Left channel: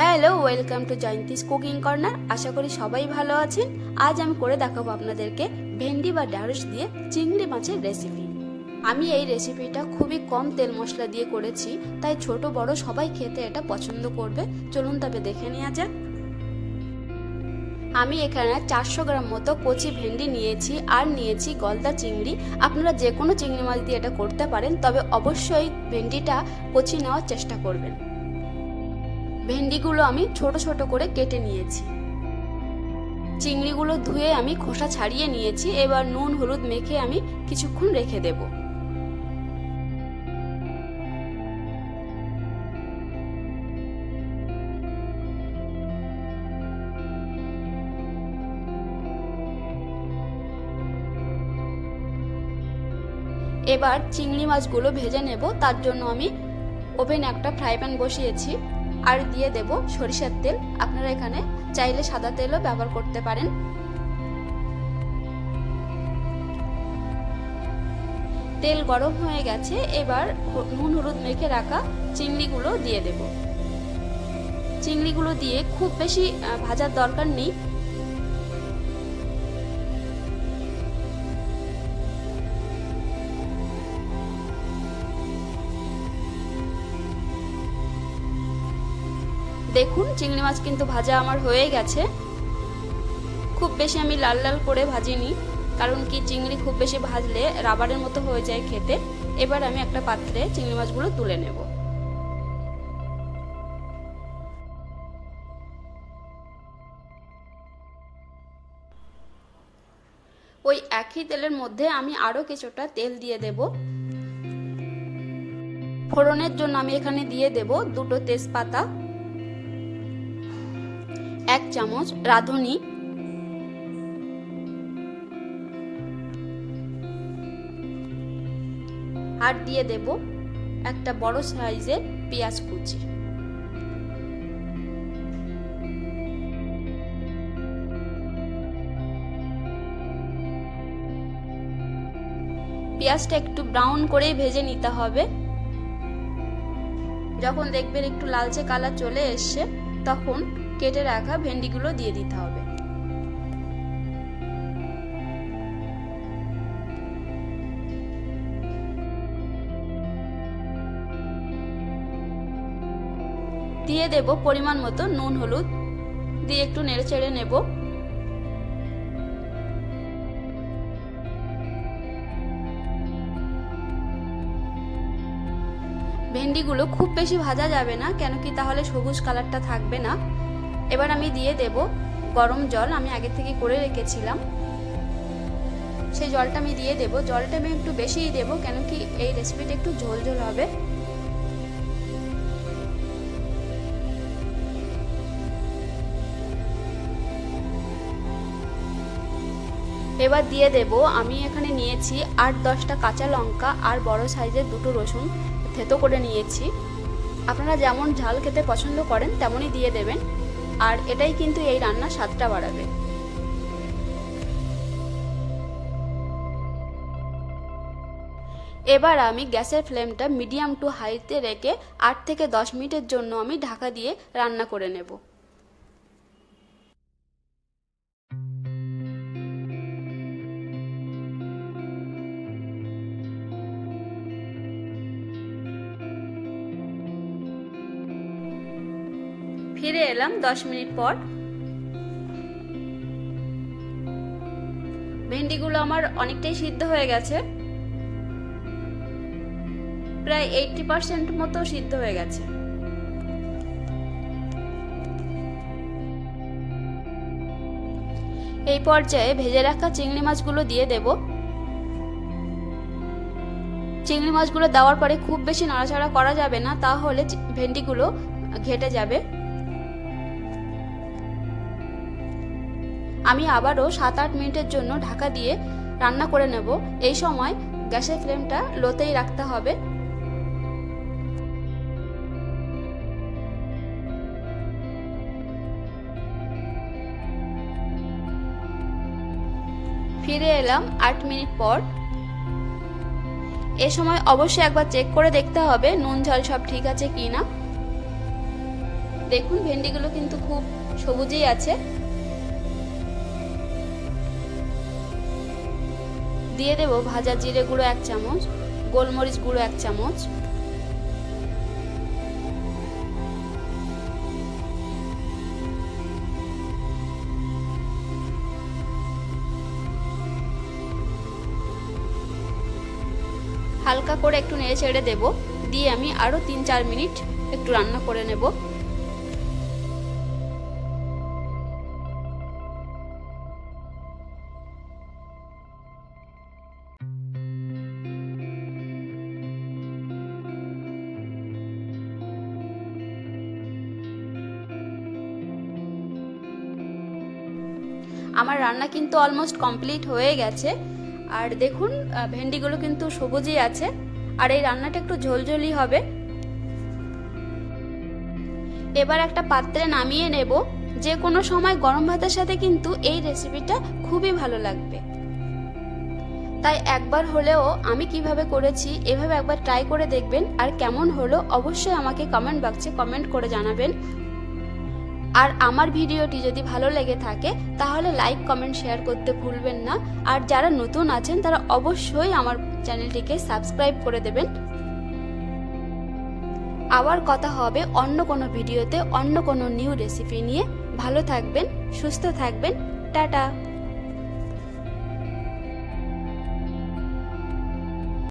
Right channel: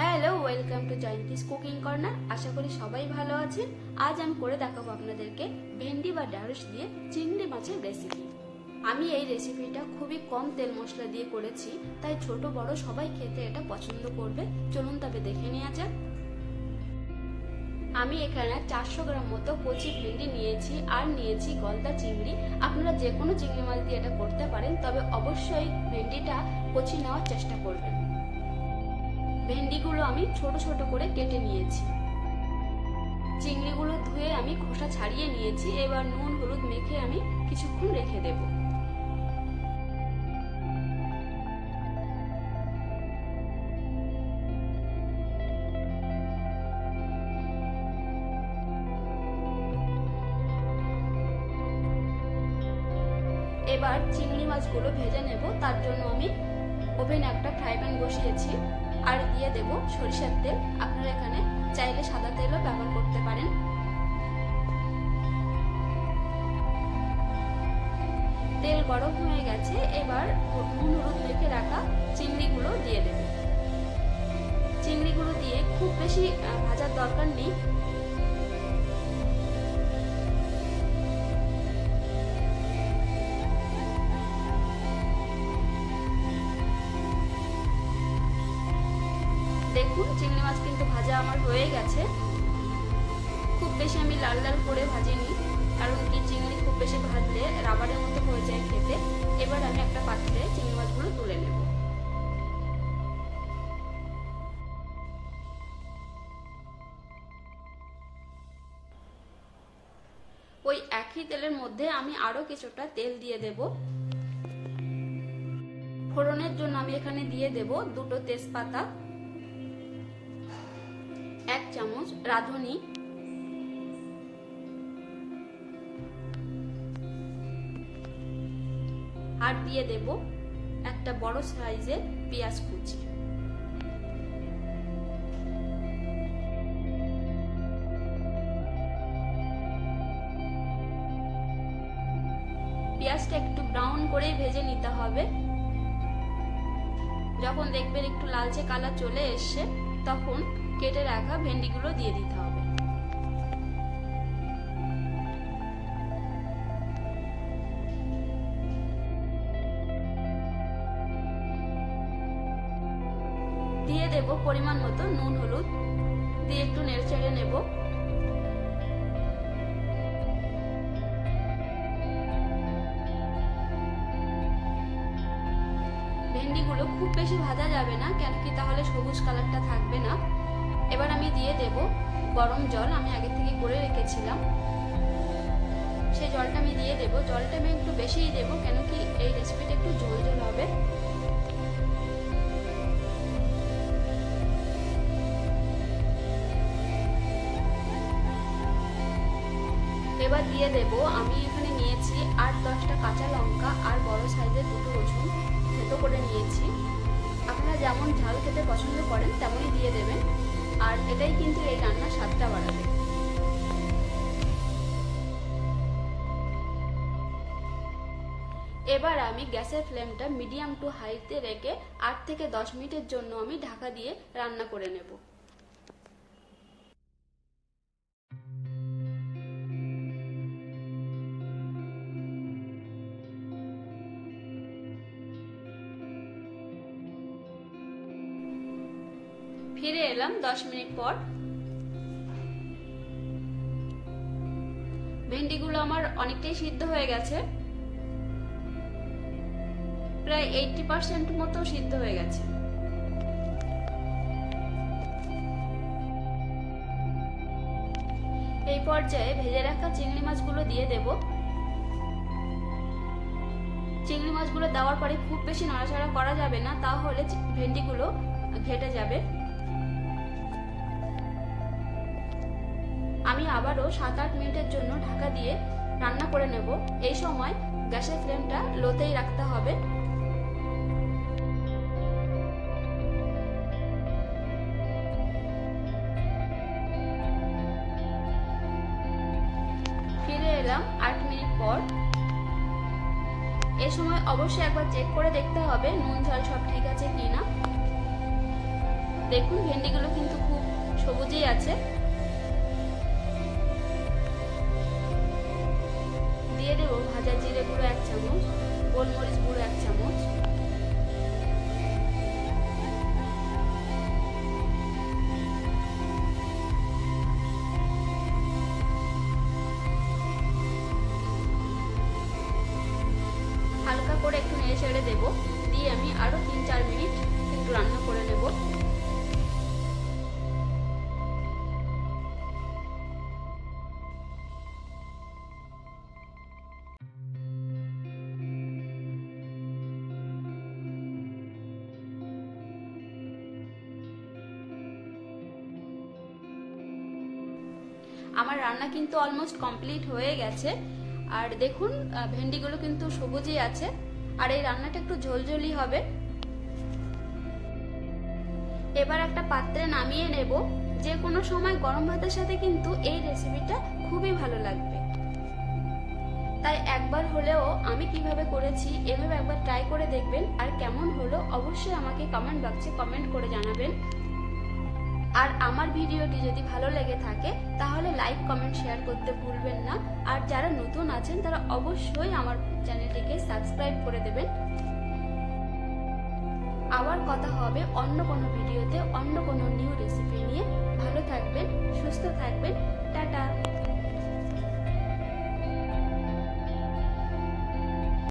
Hello, welcome to Jayanti's cooking corner. আশা করি সবাই ভালো আছেন। আজ আমি করে দেখাবো আপনাদেরকে ভেন্ডি বা ঢ্যাঁড়স দিয়ে চিংড়ি মাছের রেসিপি। আমি এই রেসিপিটা খুবই কম তেল মশলা দিয়ে করেছি, তাই ছোট বড় সবাই খেতে এটা পছন্দ করবে। চলুন তবে দেখে নেওয়া যাক। আমি এখানে 400 গ্রাম মতো কচি ভেন্ডি নিয়েছি আর নিয়েছি গলদা চিংড়ি। আপনারা যে কোনো চিংড়ি মাছ দিয়ে এটা করতে পারেন, তবে অবশ্যই ভেন্ডিটা কচি নেওয়ার চেষ্টা করবেন। ভেন্ডিগুলো আমি ছোট ছোট করে কেটে নিয়েছি। চিংড়িগুলো ধুয়ে আমি খোসা ছাড়িয়ে নিয়েছি। এবার নুন হলুদ মেখে আমি কিছুক্ষণ রেখে দেব। এবার চিংড়ি মাছগুলো ভেজে নেব। তার জন্য আমি ওভেনে একটা ফ্রাই প্যান বসিয়েছি আর দিয়ে দেব সরিষার তেল। আপনারা এখানে চাইলে সাদা তেলও ব্যবহার করতে পারেন। তেল গরম হয়ে গেছে, এবার নুন হলুদ মেখে রাখা চিংড়িগুলো দিয়ে দেব। চিংড়িগুলো দিয়ে খুব বেশি ভাজার দরকার নেই। দেখুন, চিংড়ি মাছ কিন্তু ভাজা আমার হয়ে গেছে। খুব বেশি আমি লাল লাল করে ভাজিনি, কারণ কি চিংড়ি খুব বেশি ভাজলে রাবারের মতো হয়ে যায় খেতে। এবার আমি একটা পাত্রে চিংড়ি মাছগুলো তুলে নেব। ওই একই তেলের মধ্যে আমি আরো কিছুটা তেল দিয়ে দেব। ফোড়নের জন্য আমি এখানে দিয়ে দেব 2টো তেজপাতা, 1 চামচ রাঁধুনি, আর দিয়ে দেব একটা বড় সাইজের পেঁয়াজ কুচি। পেঁয়াজটা একটু ব্রাউন করেই ভেজে নিতে হবে। যখন দেখবেন একটু লালচে কালার চলে এসছে, তখন কেটে রাখা ভেন্ডিগুলো দিয়ে দিতে হবে। দিয়ে দেব পরিমাণ মতো নুন হলুদ, দিয়ে একটু নেড়ে চেড়ে নেব। ভেন্ডিগুলো খুব বেশি ভাজা যাবে না, কেন কি তাহলে সবুজ কালারটা থাকবে না। এবার আমি দিয়ে দেব গরম জল, আমি আগে থেকে করে রেখেছিলাম। সেই জলটা আমি দিয়ে দেব। জলটা আমি একটু বেশিই দেব, কেন কি এই রেসিপিটা একটু ঝোল ঝোল হবে। এবার দিয়ে দেব, আমি এখানে নিয়েছি 8-10টা কাঁচা লঙ্কা আর বড় সাইজের 2টো রসুন থেতো করে নিয়েছি। আপনারা যেমন ঝাল খেতে পছন্দ করেন তেমনই দিয়ে দেবেন, আর এটাই কিন্তু এই রান্নার স্বাদটা বাড়াবে। এবার আমি গ্যাসের ফ্লেমটা মিডিয়াম টু হাইতে রেখে 8 থেকে 10 মিনিটের জন্য আমি ঢাকা দিয়ে রান্না করে নেব। ফিরে এলাম 10 মিনিট পর। ভেন্ডিগুলো আমার অনেকটাই সিদ্ধ হয়ে গেছে, প্রায় 80% মতো সিদ্ধ হয়ে গেছে। এই পর্যায়ে ভেজে রাখা চিংড়ি মাছগুলো দিয়ে দেব। চিংড়ি মাছগুলো দেওয়ার পরে খুব বেশি নাড়াচাড়া করা যাবে না, তাহলে ভেন্ডিগুলো ঘেটে যাবে। আমি আবারও 7-8 মিনিটের জন্য ঢাকা দিয়ে রান্না করে নেব। এই সময় গ্যাসের ফ্লেমটা লোতেই রাখতে হবে। ফিরে এলাম 8 মিনিট পর। এ সময় অবশ্যই একবার চেক করে দেখতে হবে নুন ঝাল সব ঠিক আছে কিনা। দেখুন ভেন্ডিগুলো কিন্তু খুব সবুজই আছে। দিয়ে দেব ভাজা জিরে গুঁড়ো 1 চামচ, গোলমরিচ গুঁড়ো 1 চামচ, হালকা করে একটু নেড়ে ছেড়ে দেবো। দিয়ে আমি আরও 3-4 মিনিট একটু রান্না করে নেব। আমার রান্না কিন্তু অলমোস্ট কমপ্লিট হয়ে গেছে। আর দেখুন ভেন্ডিগুলো কিন্তু সবুজই আছে। আর এই রান্নাটা একটু ঝোলঝোলি হবে। এবার একটা পাত্রে নামিয়ে নেব। যে কোনো সময় গরম ভাতের সাথে কিন্তু এই রেসিপিটা খুবই ভালো লাগবে। তাই একবার হলেও আমি কিভাবে করেছি এভাবে একবার ট্রাই করে দেখবেন। আর কেমন হলো অবশ্যই আমাকে কমেন্ট বক্সে কমেন্ট করে জানাবেন। আর আমার ভিডিওটি যদি ভালো লেগে থাকে তাহলে লাইক কমেন্ট শেয়ার করতে ভুলবেন না। আর যারা নতুন আছেন তারা অবশ্যই আমার চ্যানেলটিকে সাবস্ক্রাইব করে দেবেন। আবার কথা হবে অন্য কোনো ভিডিওতে অন্য কোনো নিউ রেসিপি নিয়ে। ভালো থাকবেন, সুস্থ থাকবেন, টাটা।